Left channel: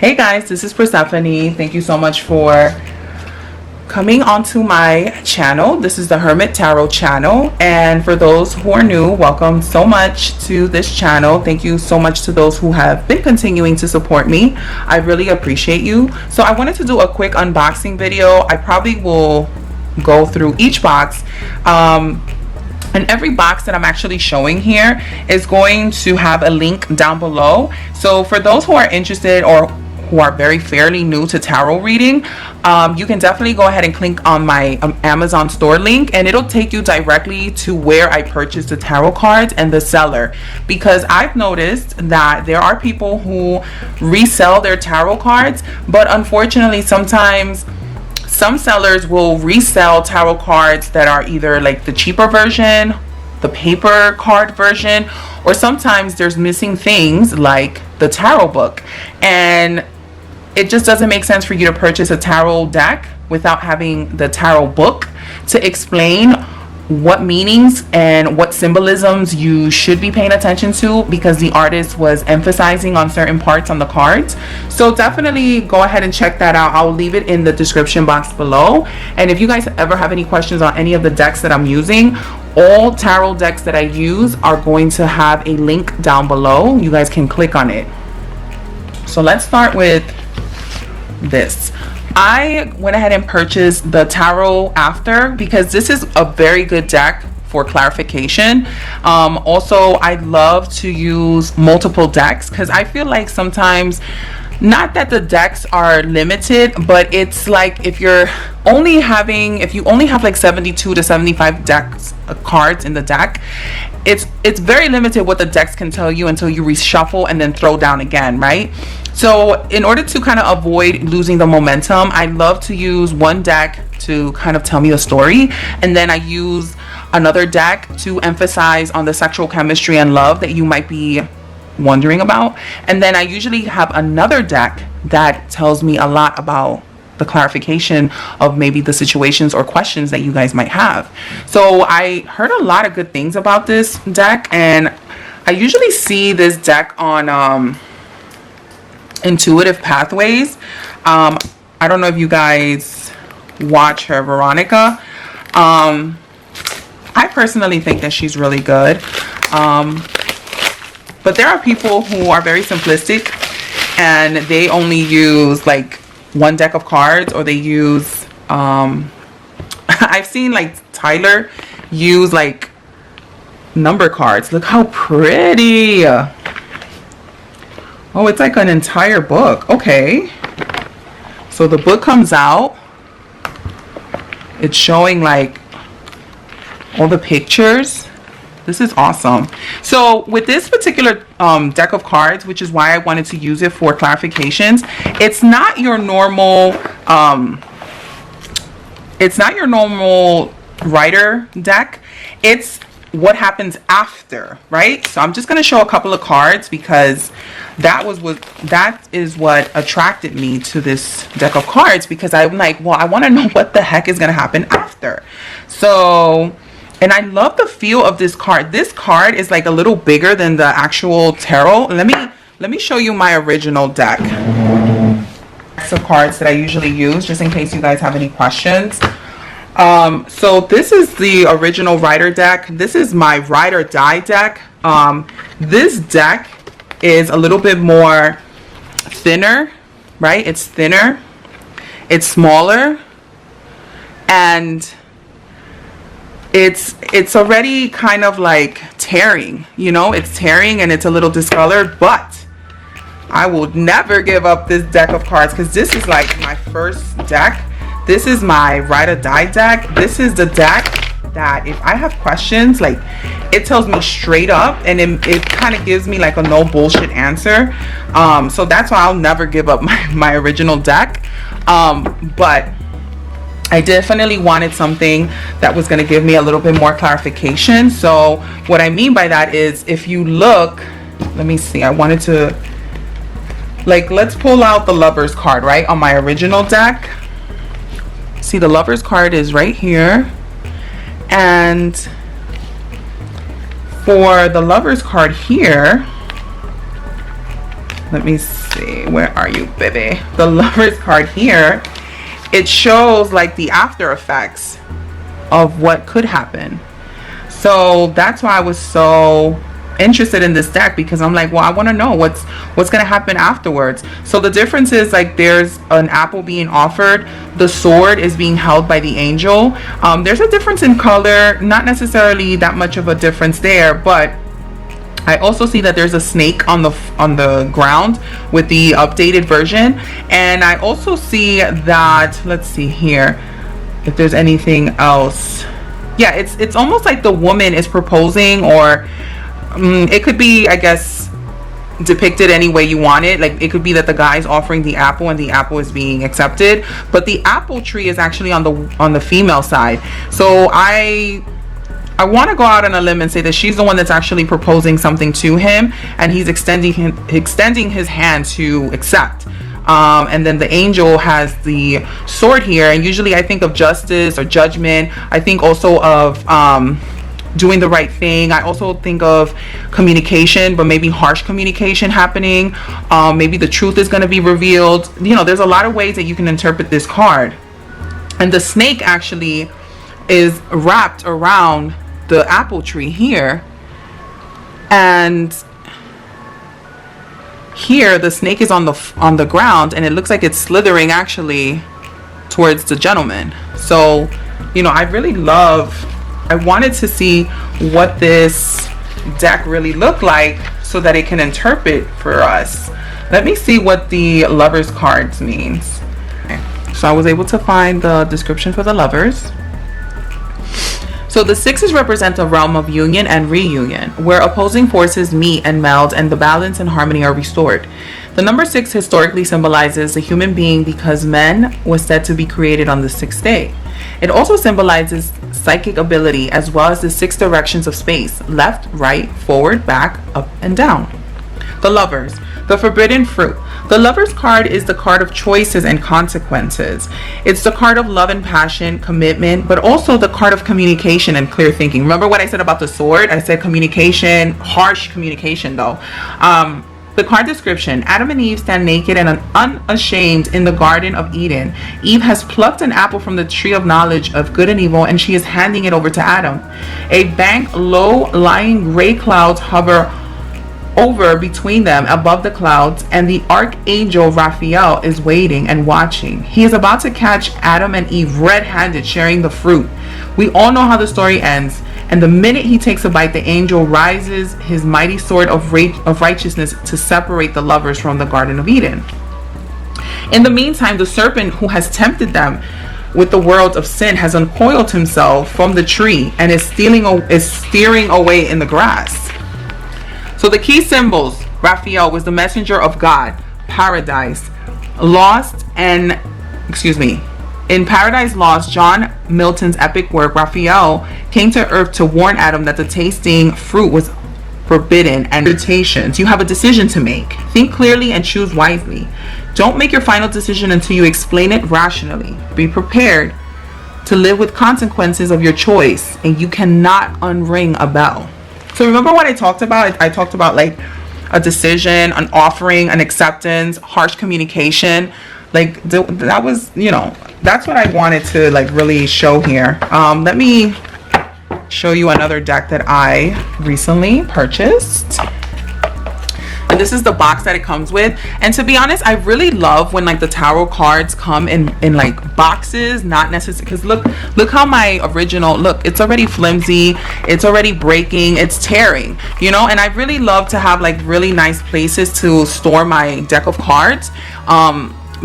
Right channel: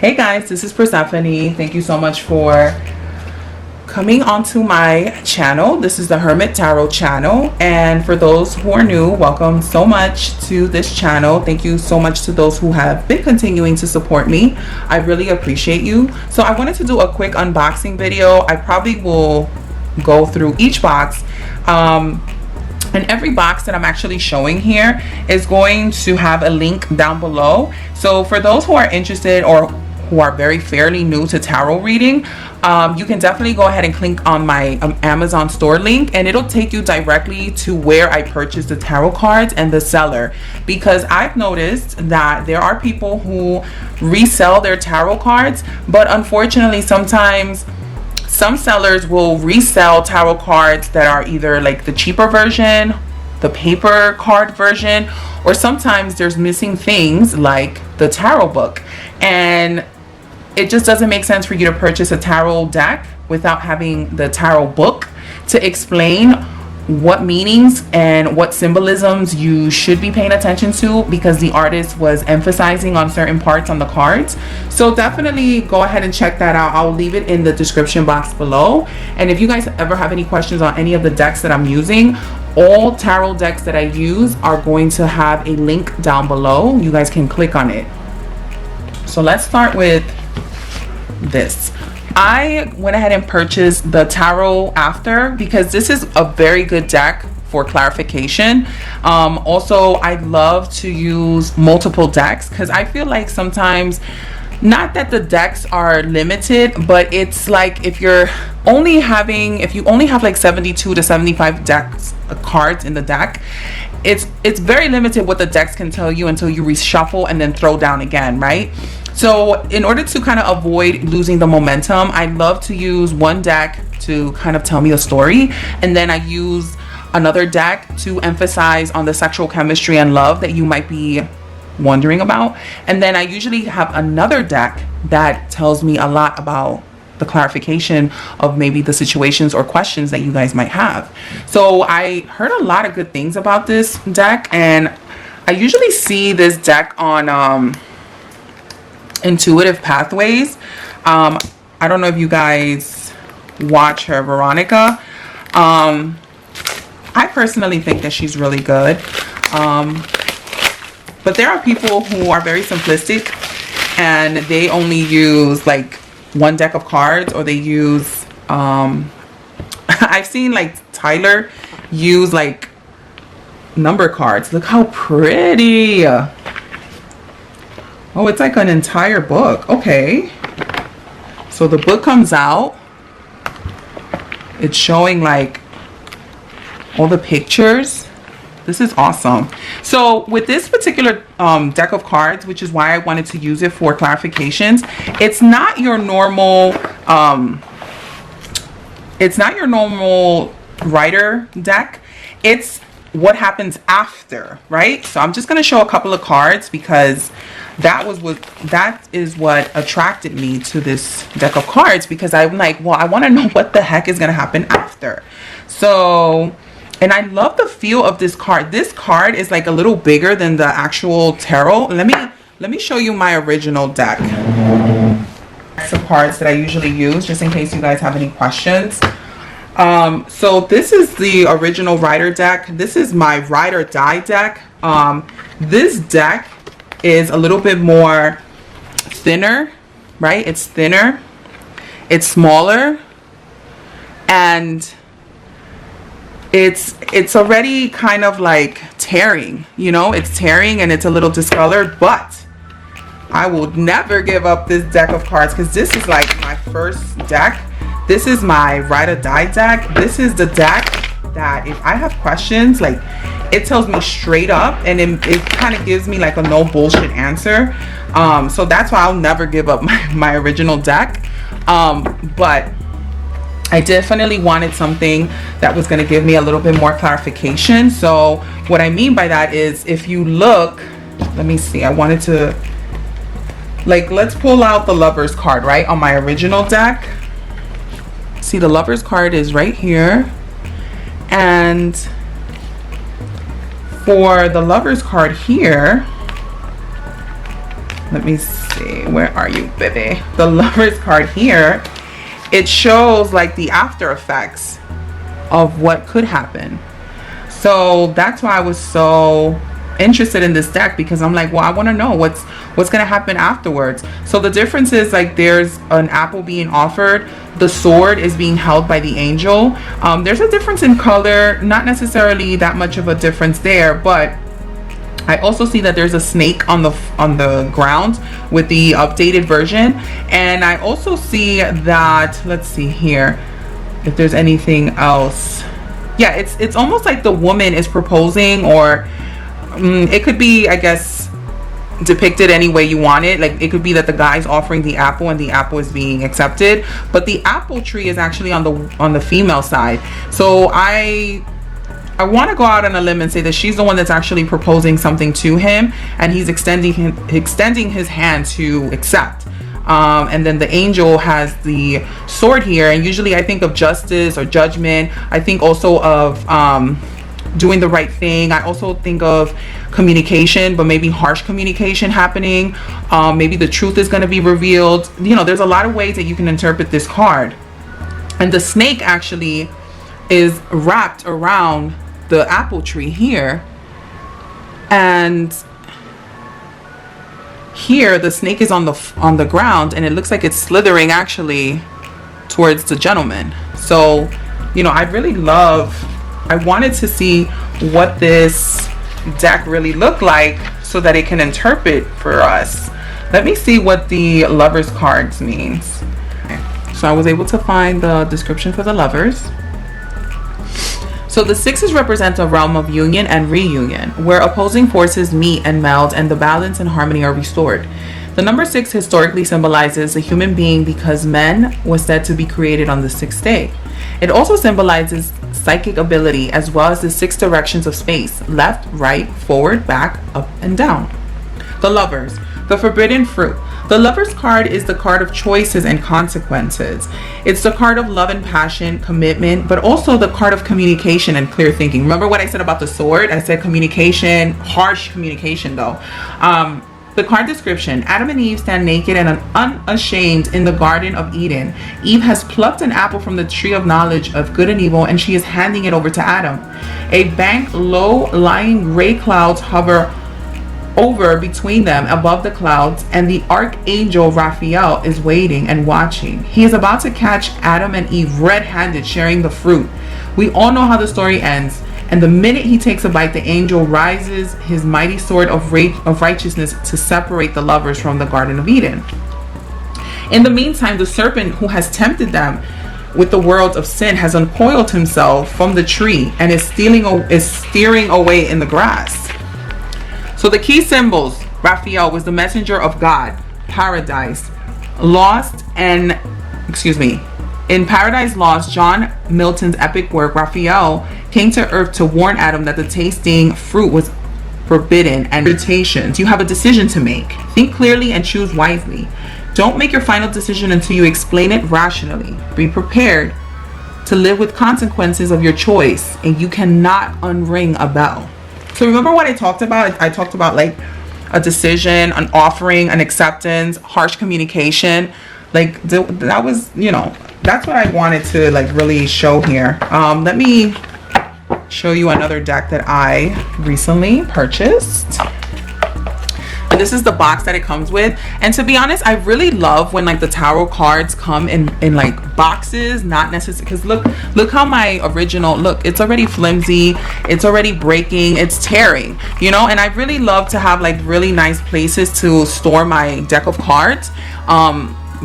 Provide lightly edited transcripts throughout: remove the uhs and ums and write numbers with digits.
Hey guys, this is Persephone. Thank you so much for coming onto my channel. This is the Hermit Tarot channel, and for those who are new, welcome so much to this channel. Thank you so much to those who have been continuing to support me. I really appreciate you. So I wanted to do a quick unboxing video. I probably will go through each box. And every box that I'm actually showing here is going to have a link down below. So for those who are interested or who are very fairly new to tarot reading, you can definitely go ahead and click on my Amazon store link, and it'll take you directly to where I purchased the tarot cards and the seller, because I've noticed that there are people who resell their tarot cards, but unfortunately sometimes some sellers will resell tarot cards that are either like the cheaper version, the paper card version, or sometimes there's missing things like the tarot book. And it just doesn't make sense for you to purchase a tarot deck without having the tarot book to explain what meanings and what symbolisms you should be paying attention to, because the artist was emphasizing on certain parts on the cards. So definitely go ahead and check that out. I'll leave it in the description box below. And if you guys ever have any questions on any of the decks that I'm using, all tarot decks that I use are going to have a link down below. You guys can click on it. So let's start with this. I went ahead and purchased the Tarot After because this is a very good deck for clarification. Also, I love to use multiple decks because I feel like sometimes, not that the decks are limited, but it's like if you only have like 72 to 75 decks cards in the deck, it's very limited what the decks can tell you until you reshuffle and then throw down again, right? So in order to kind of avoid losing the momentum, I love to use one deck to kind of tell me a story, and then I use another deck to emphasize on the sexual chemistry and love that you might be wondering about. And then I usually have another deck that tells me a lot about the clarification of maybe the situations or questions that you guys might have. So I heard a lot of good things about this deck, and I usually see this deck on Intuitive Pathways. I don't know if you guys watch her, Veronica. I personally think that she's really good. But there are people who are very simplistic and they only use like one deck of cards, or they use I've seen like Tyler use like number cards. Look how pretty. Oh, it's like an entire book. Okay. So the book comes out. It's showing like all the pictures. This is awesome. So with this particular deck of cards, which is why I wanted to use it for clarifications, it's not your normal writer deck. It's what happens after, right? So I'm just going to show a couple of cards because that is what attracted me to this deck of cards, because I'm like, well, I want to know what the heck is going to happen after. So, and I love the feel of this card. This card is like a little bigger than the actual tarot. Let me show you my original deck. Some cards that I usually use, just in case you guys have any questions. So this is the original Rider deck. This is my Ride or Die deck. This deck is a little bit more thinner, right? It's thinner, it's smaller, and it's already kind of like tearing, you know, it's tearing and it's a little discolored, but I will never give up this deck of cards because this is like my first deck. This is my Ride or Die deck. This is the deck that if I have questions, like, it tells me straight up, and it kind of gives me like a no bullshit answer. So that's why I'll never give up my original deck. But I definitely wanted something that was going to give me a little bit more clarification. So what I mean by that is, if you look, let me see, I wanted to, like, let's pull out the Lovers card, right, on my original deck. See, the Lovers card is right here, and for the Lovers card here, let me see, where are you, baby? The Lovers card here, it shows like the after effects of what could happen. So that's why I was so interested in this deck, because I'm like, well, I want to know what's going to happen afterwards. So the difference is like there's an apple being offered, the sword is being held by the angel. There's a difference in color, not necessarily that much of a difference there, but I also see that there's a snake on the ground with the updated version. And I also see that, let's see here if there's anything else. Yeah, it's almost like the woman is proposing, or it could be, I guess, depicted any way you want it. Like it could be that the guy's offering the apple and the apple is being accepted, but the apple tree is actually on the female side. So I want to go out on a limb and say that she's the one that's actually proposing something to him, and he's extending his hand to accept. And then the angel has the sword here, and usually I think of justice or judgment. I think also of doing the right thing. I also think of communication, but maybe harsh communication happening. Maybe the truth is going to be revealed. You know, there's a lot of ways that you can interpret this card. And the snake actually is wrapped around the apple tree here, and here the snake is on the ground, and it looks like it's slithering actually towards the gentleman. So, you know, I wanted to see what this deck really looked like so that it can interpret for us. Let me see what the Lovers cards means. Okay. So I was able to find the description for the Lovers. So the sixes represent a realm of union and reunion, where opposing forces meet and meld and the balance and harmony are restored. The number 6 historically symbolizes a human being because man was said to be created on the 6th day. It also symbolizes psychic ability as well as the 6 directions of space: left, right, forward, back, up, and down. The Lovers, the forbidden fruit. The Lovers card is the card of choices and consequences. It's the card of love and passion, commitment, but also the card of communication and clear thinking. Remember what I said about the sword? I said communication, harsh communication though. The card description: Adam and Eve stand naked and unashamed in the Garden of Eden. Eve has plucked an apple from the tree of knowledge of good and evil, and she is handing it over to Adam. A bank, low-lying gray clouds hover over between them above the clouds, and the archangel Raphael is waiting and watching. He is about to catch Adam and Eve red-handed sharing the fruit. We all know how the story ends, and the minute he takes a bite, the angel rises his mighty sword of righteousness to separate the lovers from the Garden of Eden. In the meantime, the serpent who has tempted them with the world of sin has uncoiled himself from the tree and is steering away in the grass. So the key symbols: Raphael was the messenger of God, paradise, lost, and, in Paradise Lost, John Milton's epic work, Raphael came to earth to warn Adam that the tasting fruit was forbidden and temptations. You have a decision to make. Think clearly and choose wisely. Don't make your final decision until you explain it rationally. Be prepared to live with consequences of your choice, and you cannot unring a bell. So remember what I talked about? I talked about like a decision, an offering, an acceptance, harsh communication. Like that was, you know, that's what I wanted to like really show here. Let me show you another deck that I recently purchased. And this is the box that it comes with. And to be honest, I really love when like the tarot cards come in like boxes, not necessarily, because look how my original, look, it's already flimsy, it's already breaking, it's tearing, you know. And I really love to have like really nice places to store my deck of cards,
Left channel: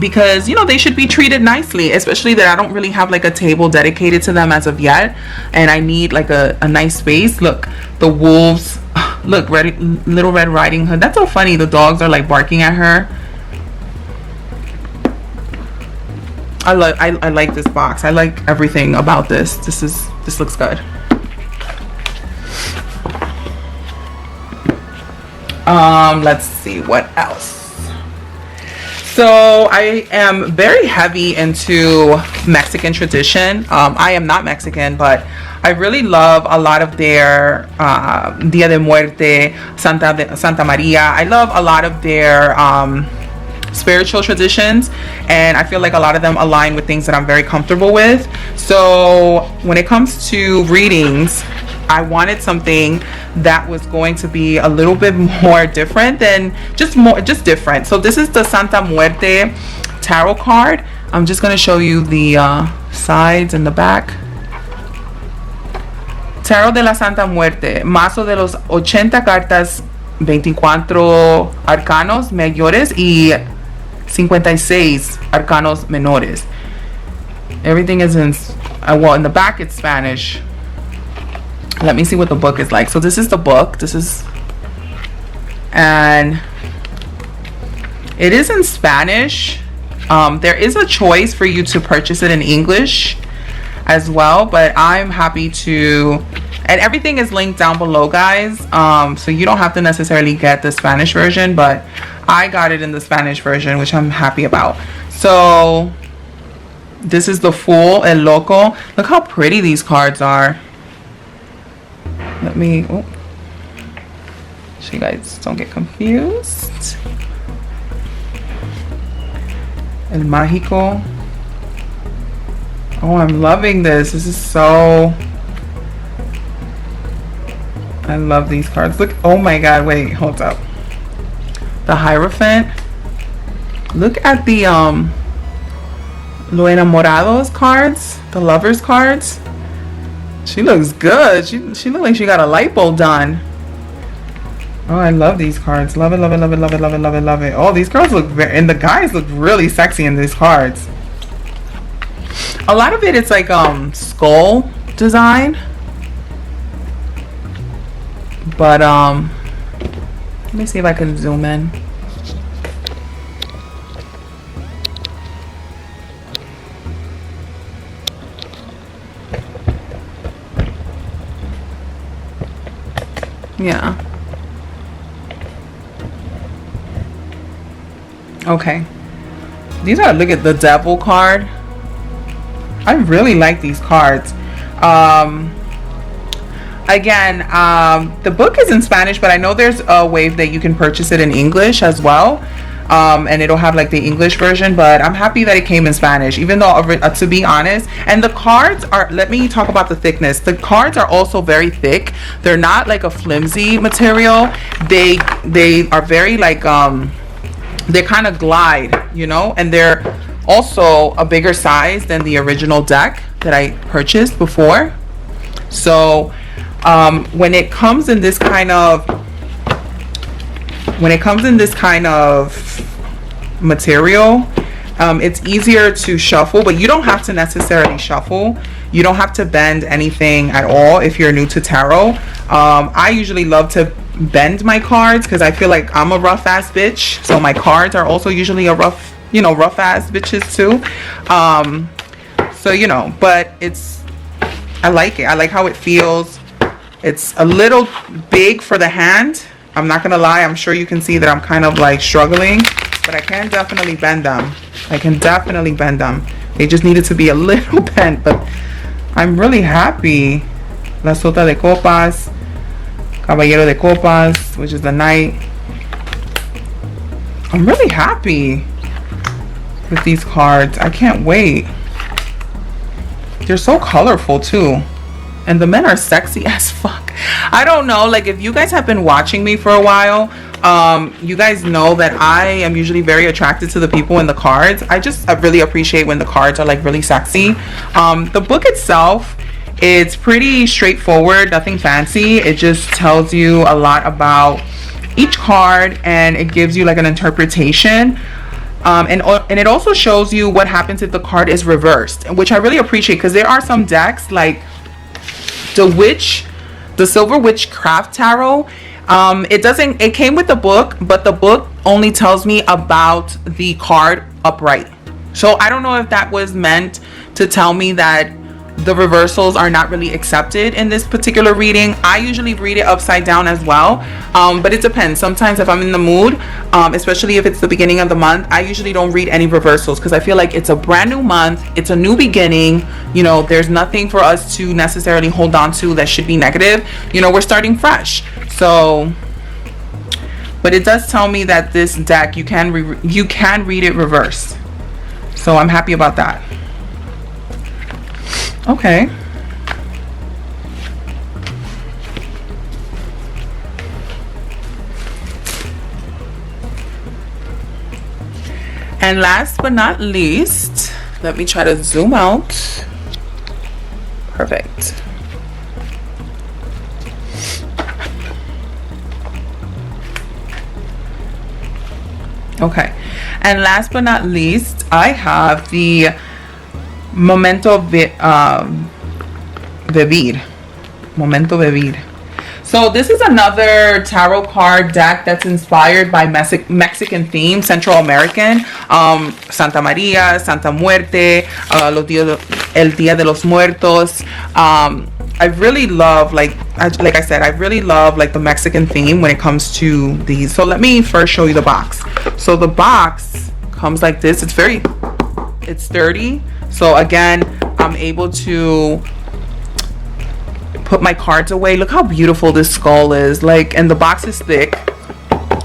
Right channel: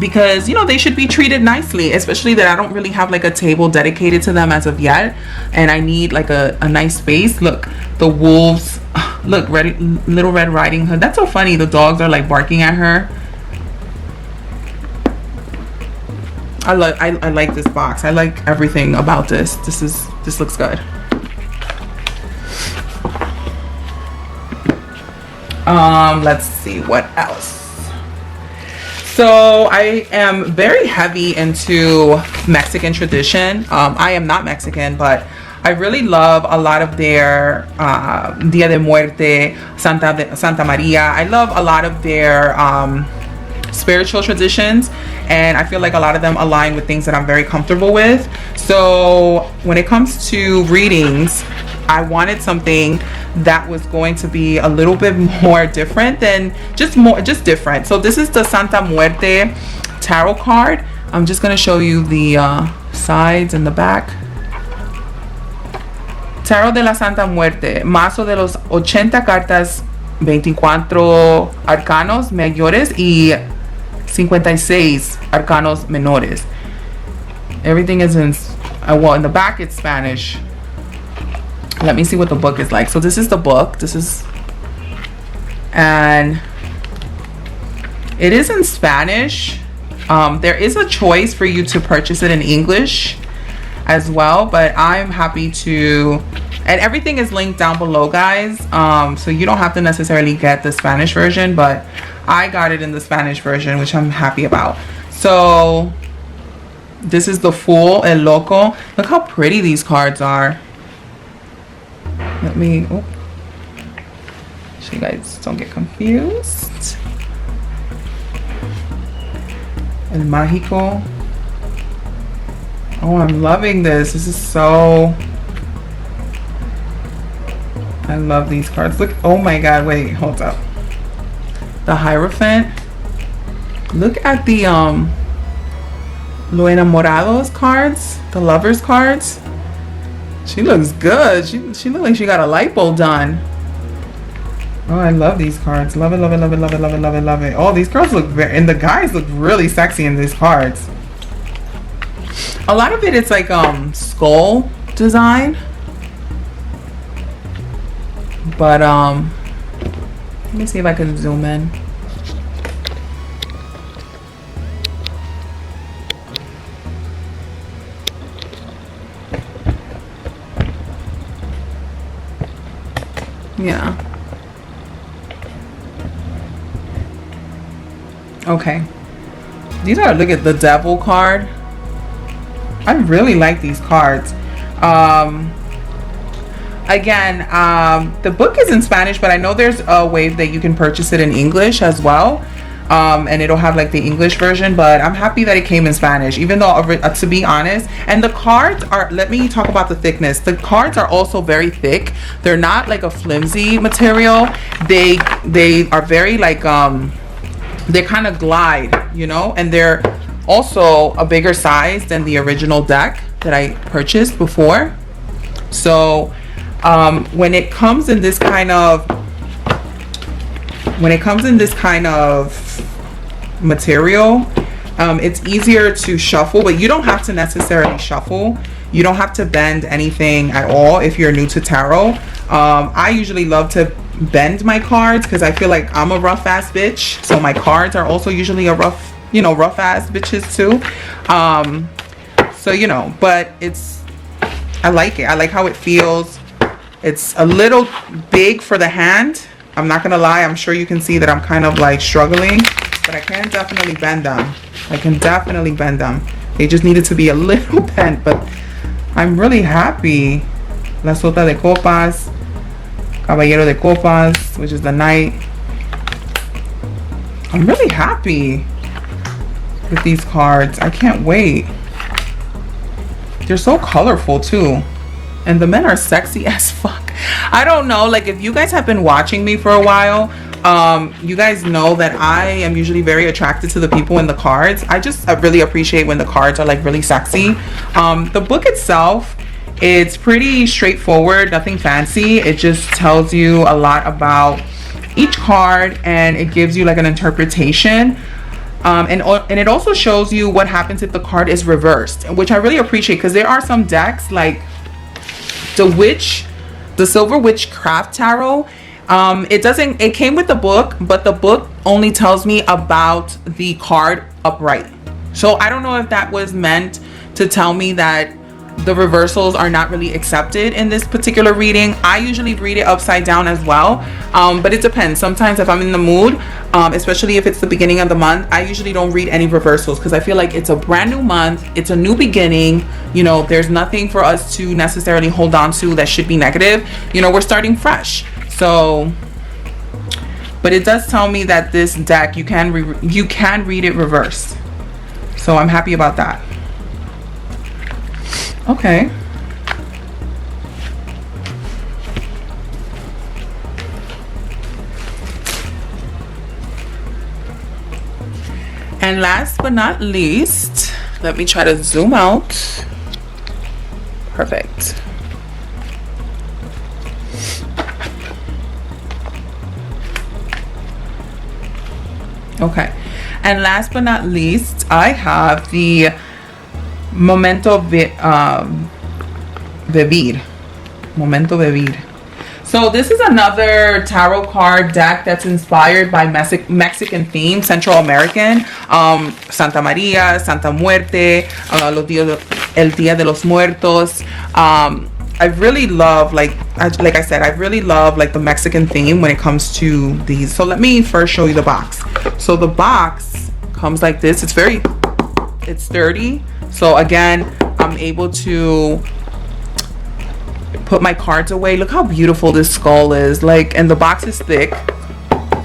because, you know, they should be treated nicely, especially that I don't really have like a table dedicated to them as of yet, and I need like a nice space. Look, the wolves, look, Little Red Riding Hood. That's so funny. The dogs are like barking at her. I like this box. I like everything about this. This looks good. Let's see what else. So I am very heavy into Mexican tradition. I am not Mexican, but I really love a lot of their Dia de Muerte, Santa Maria. I love a lot of their spiritual traditions, and I feel like a lot of them align with things that I'm very comfortable with. So when it comes to readings, I wanted something that was going to be a little bit more different than just different. So this is the Santa Muerte tarot card. I'm just going to show you the sides and the back. Tarot de la Santa Muerte, mazo de los 80 cartas, 24 arcanos mayores y 56 arcanos menores. Everything is in, well, in the back it's Spanish. Let me see what the book is like. So this is the book. And it is in Spanish. There is a choice for you to purchase it in English as well, but I'm happy to, and everything is linked down below, guys, so you don't have to necessarily get the Spanish version, but I got it in the Spanish version, which I'm happy about. So this is the Fool, El Loco. Look how pretty these cards are. Let me, oh, so you guys don't get confused. El Mágico. Oh, I'm loving this. This is so... I love these cards. Look. Oh my god, wait, hold up. The Hierophant. Look at the Lo Enamorados cards. The Lovers cards. She looks good. She looks like she got a lipo done. Oh, I love these cards. Love it, love it, love it, love it, love it, love it, love it. Oh, these cards look very... And the guys look really sexy in these cards. A lot of it is like skull design, but let me see if I can zoom in. Yeah. Okay. These are, look at the Devil card. I really like these cards. Again, the book is in Spanish, but I know there's a way that you can purchase it in English as well. And it'll have like the English version, but I'm happy that it came in Spanish, even though, to be honest, and the cards are, let me talk about the thickness. The cards are also very thick. They're not like a flimsy material. They are very like, they kind of glide, you know, and they're also a bigger size than the original deck that I purchased before. So when it comes in this kind of material, it's easier to shuffle, but you don't have to necessarily shuffle. You don't have to bend anything at all if you're new to tarot. I usually love to bend my cards because I feel like I'm a rough ass bitch, so my cards are also usually a rough ass bitches too. So, you know, but I like it. I like how it feels. It's a little big for the hand. I'm not gonna lie, I'm sure you can see that I'm kind of like struggling, but I can definitely bend them. They just needed to be a little bent, but I'm really happy. La Sota de Copas, Caballero de Copas, which is the Knight. I'm really happy with these cards. I can't wait. They're so colorful too. And the men are sexy as fuck. I don't know, like if you guys have been watching me for a while, you guys know that I am usually very attracted to the people in the cards. I really appreciate when the cards are like really sexy. The book itself, it's pretty straightforward, nothing fancy. It just tells you a lot about each card and it gives you like an interpretation. And it also shows you what happens if the card is reversed, which I really appreciate because there are some decks like the Silver Witchcraft Tarot. It came with the book, but the book only tells me about the card upright. So I don't know if that was meant to tell me that the reversals are not really accepted in this particular reading. I usually read it upside down as well, but it depends. Sometimes if I'm in the mood, especially if it's the beginning of the month, I usually don't read any reversals because I feel like it's a brand new month, it's a new beginning. You know, there's nothing for us to necessarily hold on to that should be negative. You know, we're starting fresh. So, but it does tell me that this deck, you can read it reversed. So I'm happy about that. Okay. And last but not least, let me try to zoom out. Perfect. Okay. And last but not least, I have the Momento Vivir. So this is another tarot card deck that's inspired by Mexican theme, Central American, Santa Maria, Santa Muerte, El Día de los Muertos. I really love, like I said, I really love like the Mexican theme when it comes to these. So let me first show you the box. So the box comes like this. It's sturdy. So again, I'm able to put my cards away. Look how beautiful this skull is. Like, and the box is thick.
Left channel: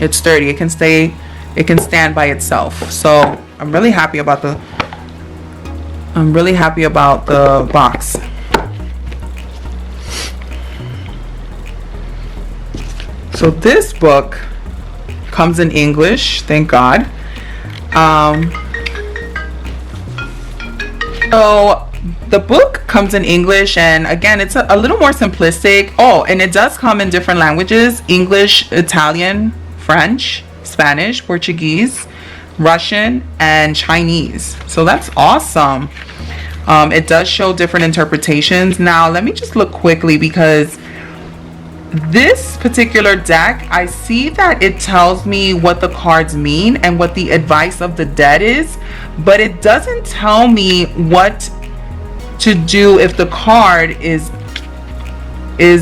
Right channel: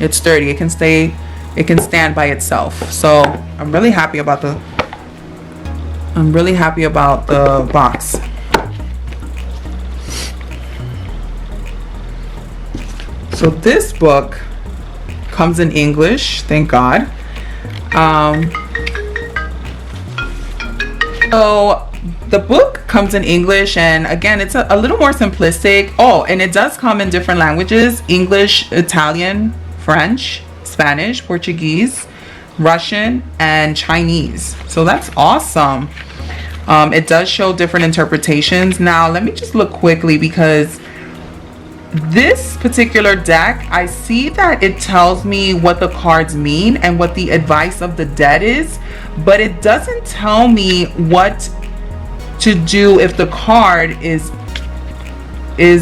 It's sturdy. It can stand by itself. So I'm really happy about the box. So this book comes in English, thank God. So the book comes in English, and again, it's a little more simplistic. Oh, and it does come in different languages: English, Italian, French, Spanish, Portuguese, Russian, and Chinese. So that's awesome. It does show different interpretations. Now, let me just look quickly, because this particular deck, I see that it tells me what the cards mean and what the advice of the dead is, but it doesn't tell me what to do if the card is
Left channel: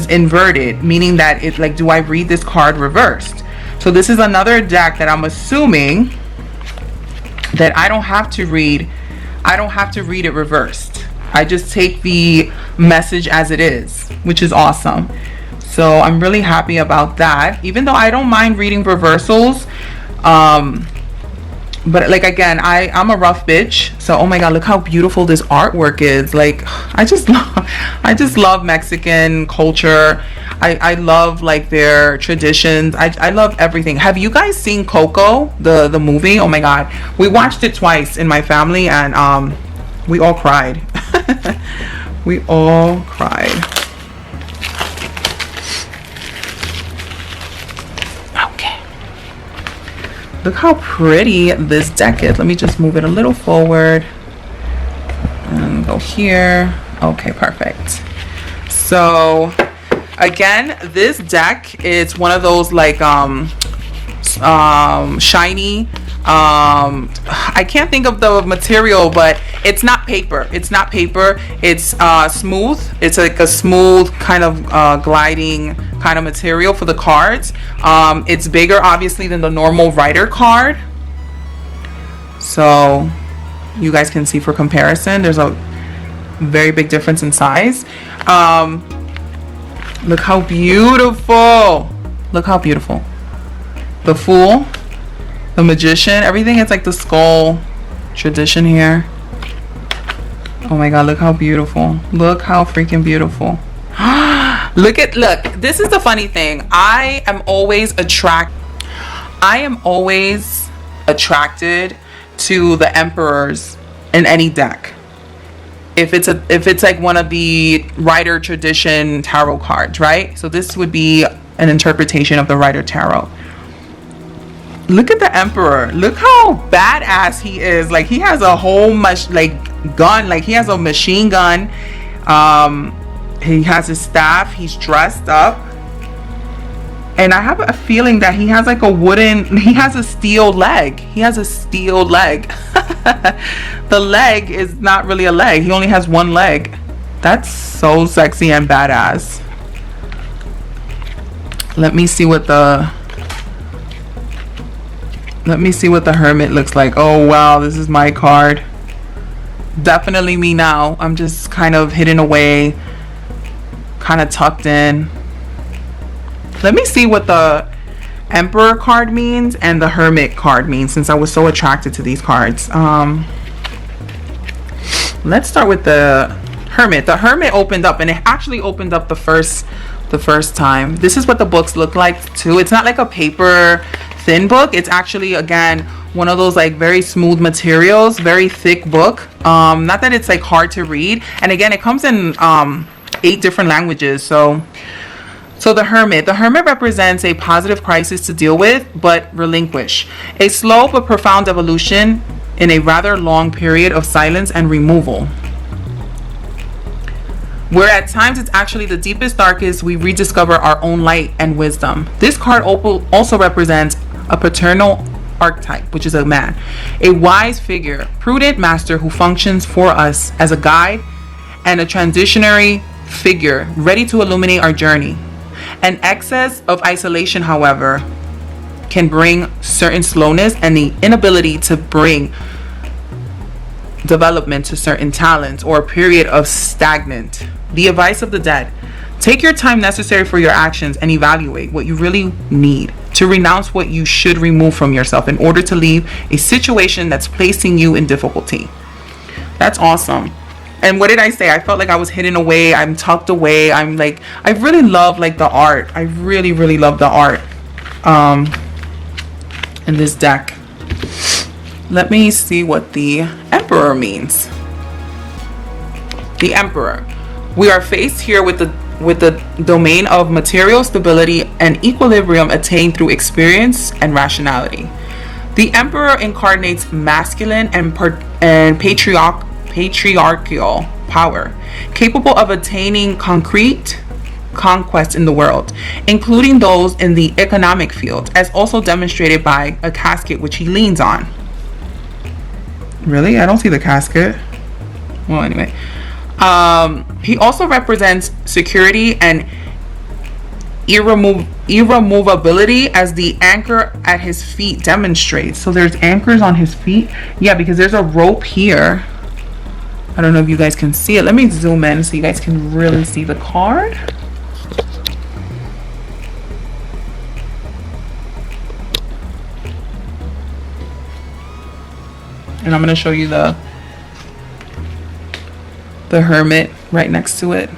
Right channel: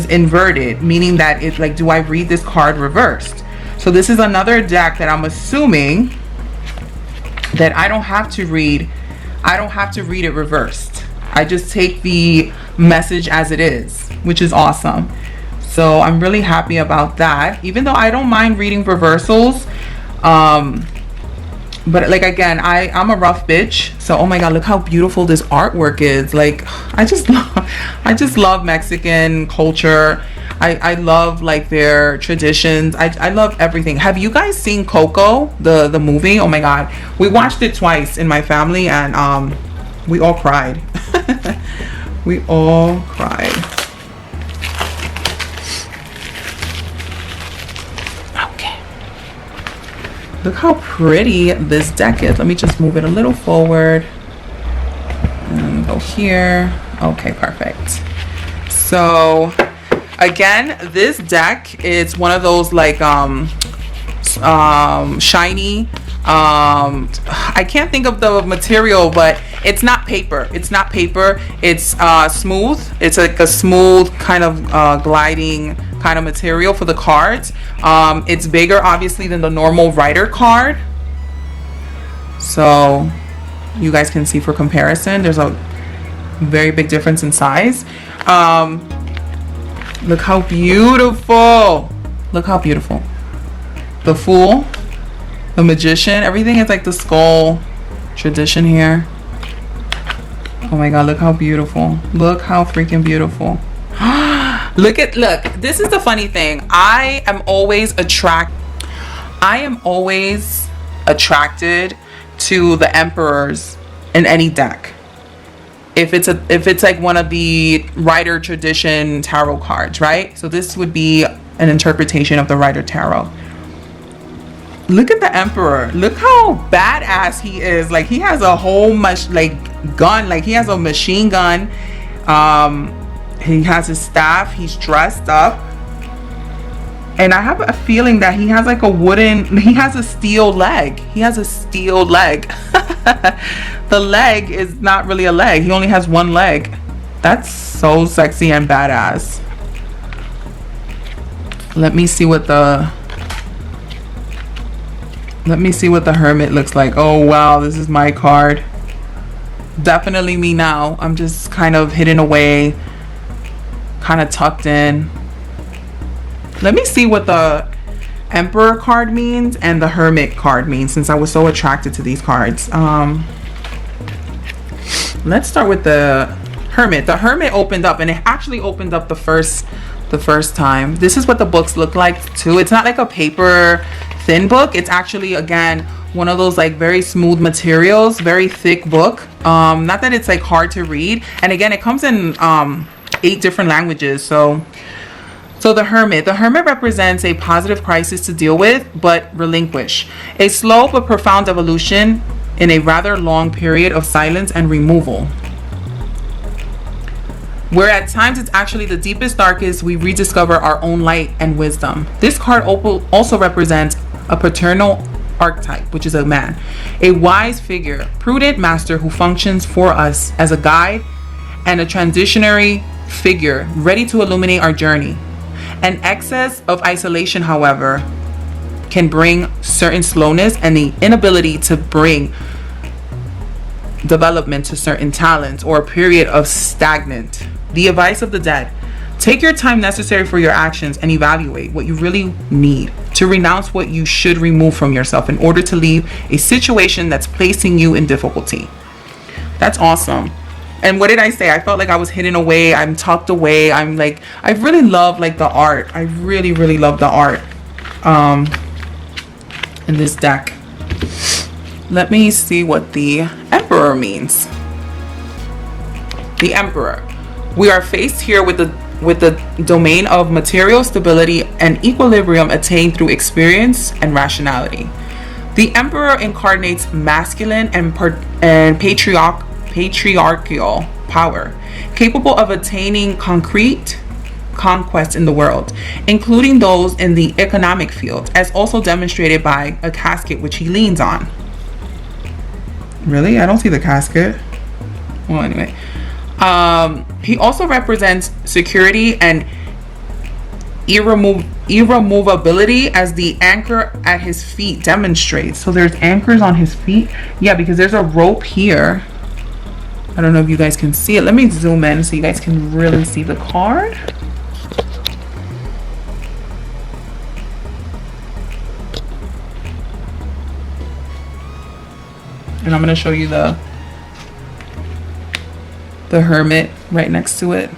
inverted, meaning that if, like, do I read this card reversed? So this is another deck that I'm assuming that I don't have to read it reversed. I just take the message as it is, which is awesome. So I'm really happy about that, even though I don't mind reading reversals. But like, again, I'm a rough bitch. So, oh my God, look how beautiful this artwork is. Like, I just love Mexican culture. I love like their traditions. I love everything. Have you guys seen Coco, the movie? Oh my God. We watched it twice in my family, and we all cried. We all cried. Look how pretty this deck is. Let me just move it a little forward. And go here. Okay, perfect. So, again, this deck is one of those like shiny. I can't think of the material, but it's not paper. It's not paper. It's smooth. It's like a smooth kind of gliding kind of material for the cards. It's bigger obviously than the normal writer card, so you guys can see for comparison there's a very big difference in size. Look how beautiful. Look how beautiful. The Fool, the Magician, everything is like the skull tradition here. Oh my God, look how beautiful. Look how freaking beautiful. Look, this is the funny thing. I am always attracted to the emperors in any deck. If it's like one of the Rider tradition tarot cards, right? So this would be an interpretation of the Rider tarot. Look at the emperor. Look how badass he is. Like, he has a whole gun. Like, he has a machine gun. He has a staff. He's dressed up. And I have a feeling that he has like he has a steel leg. He has a steel leg. The leg is not really a leg. He only has one leg. That's so sexy and badass. Let me see what the Hermit looks like. Oh wow, this is my card. Definitely me now. I'm just kind of hidden away, kind of tucked in. Let me see what the Emperor card means and the Hermit card means, since I was so attracted to these cards. Let's start with the Hermit. The Hermit opened up, and it actually opened up the first time. This is what the books look like too. It's not like a paper thin book. It's actually, again, one of those like very smooth materials, very thick book. Not that it's like hard to read. And again, it comes in 8 different languages. So the Hermit represents a positive crisis to deal with, but relinquish. A slow but profound evolution in a rather long period of silence and removal. Where at times it's actually the deepest, darkest, we rediscover our own light and wisdom. This card also represents a paternal archetype, which is a man. A wise figure, prudent master who functions for us as a guide, and a transitionary figure ready to illuminate our journey. An excess of isolation, however, can bring certain slowness and the inability to bring development to certain talents, or a period of stagnant. The advice of the dead: take your time necessary for your actions and evaluate what you really need to renounce what you should remove from yourself in order to leave a situation that's placing you in difficulty. That's awesome. And what did I say? I felt like I was hidden away. I'm tucked away. I'm like, I really love like the art. I really, really love the art in this deck. Let me see what the Emperor means. The Emperor. We are faced here with the domain of material stability and equilibrium attained through experience and rationality. The Emperor incarnates masculine and patriarchal power, capable of attaining concrete conquest in the world, including those in the economic field, as also demonstrated by a casket which he leans on. Really? I don't see the casket. Well, anyway. He also represents security and irremovability, as the anchor at his feet demonstrates. So there's anchors on his feet. Yeah, because there's a rope here. I don't know if you guys can see it. Let me zoom in so you guys can really see the card. And I'm going to show you the Hermit right next to it.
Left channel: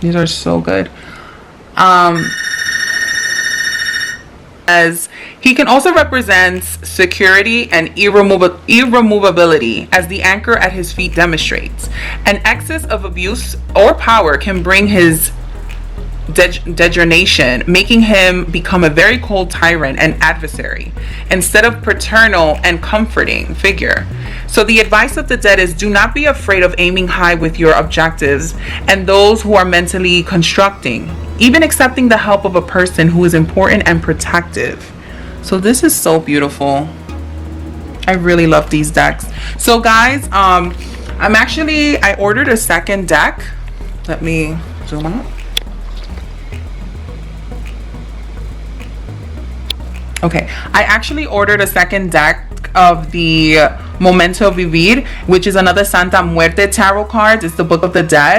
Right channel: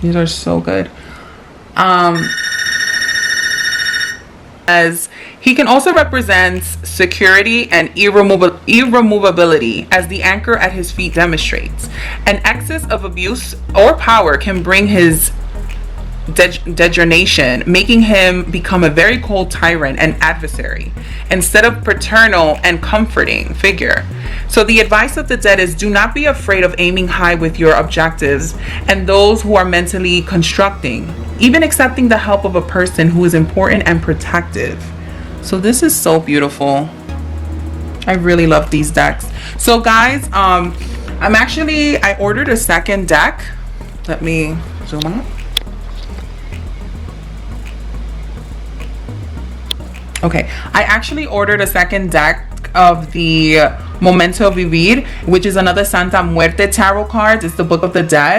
These are so good. As he can also represent security and irremovability, as the anchor at his feet demonstrates. An excess of abuse or power can bring his degeneration, making him become a very cold tyrant and adversary, instead of paternal and comforting figure. So the advice of the dead is: do not be afraid of aiming high with your objectives and those who are mentally constructing, even accepting the help of a person who is important and protective. So this is so beautiful. I really love these decks. So guys, I ordered a second deck. Let me zoom out. Okay, I actually ordered a second deck of the Momento Vivir, which is another Santa Muerte tarot cards. It's the Book of the Dead.